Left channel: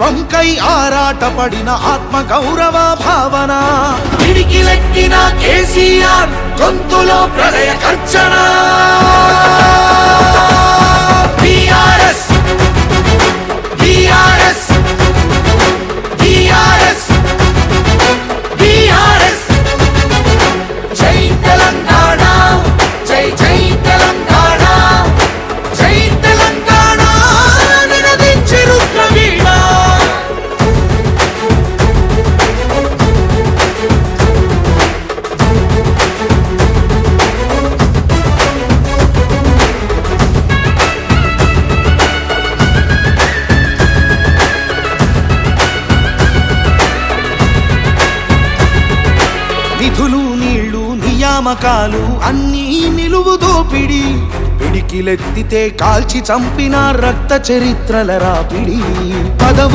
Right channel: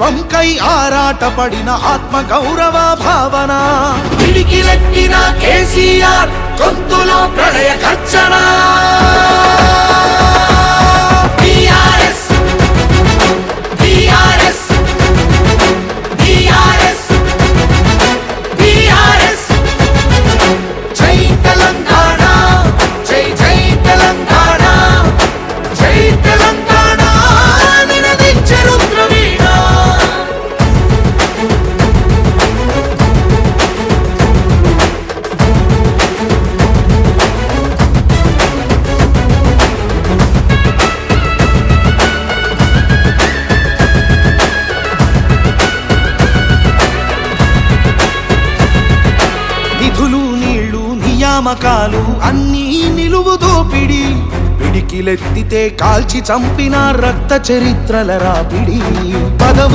సమానత్వంకై ఆరాటపడిన ఆత్మ గౌరవ భావన పిడికిలెత్తిన కేసీఆర్ గొంతులో ప్రళయ గర్జన నిధులు నీళ్లు నియామకాలు అన్నీ నిలువు దోపిడి పిడికిలెత్తితే కాల్చి చంపిన రక్త చరిత్రల రాపిడి పదవు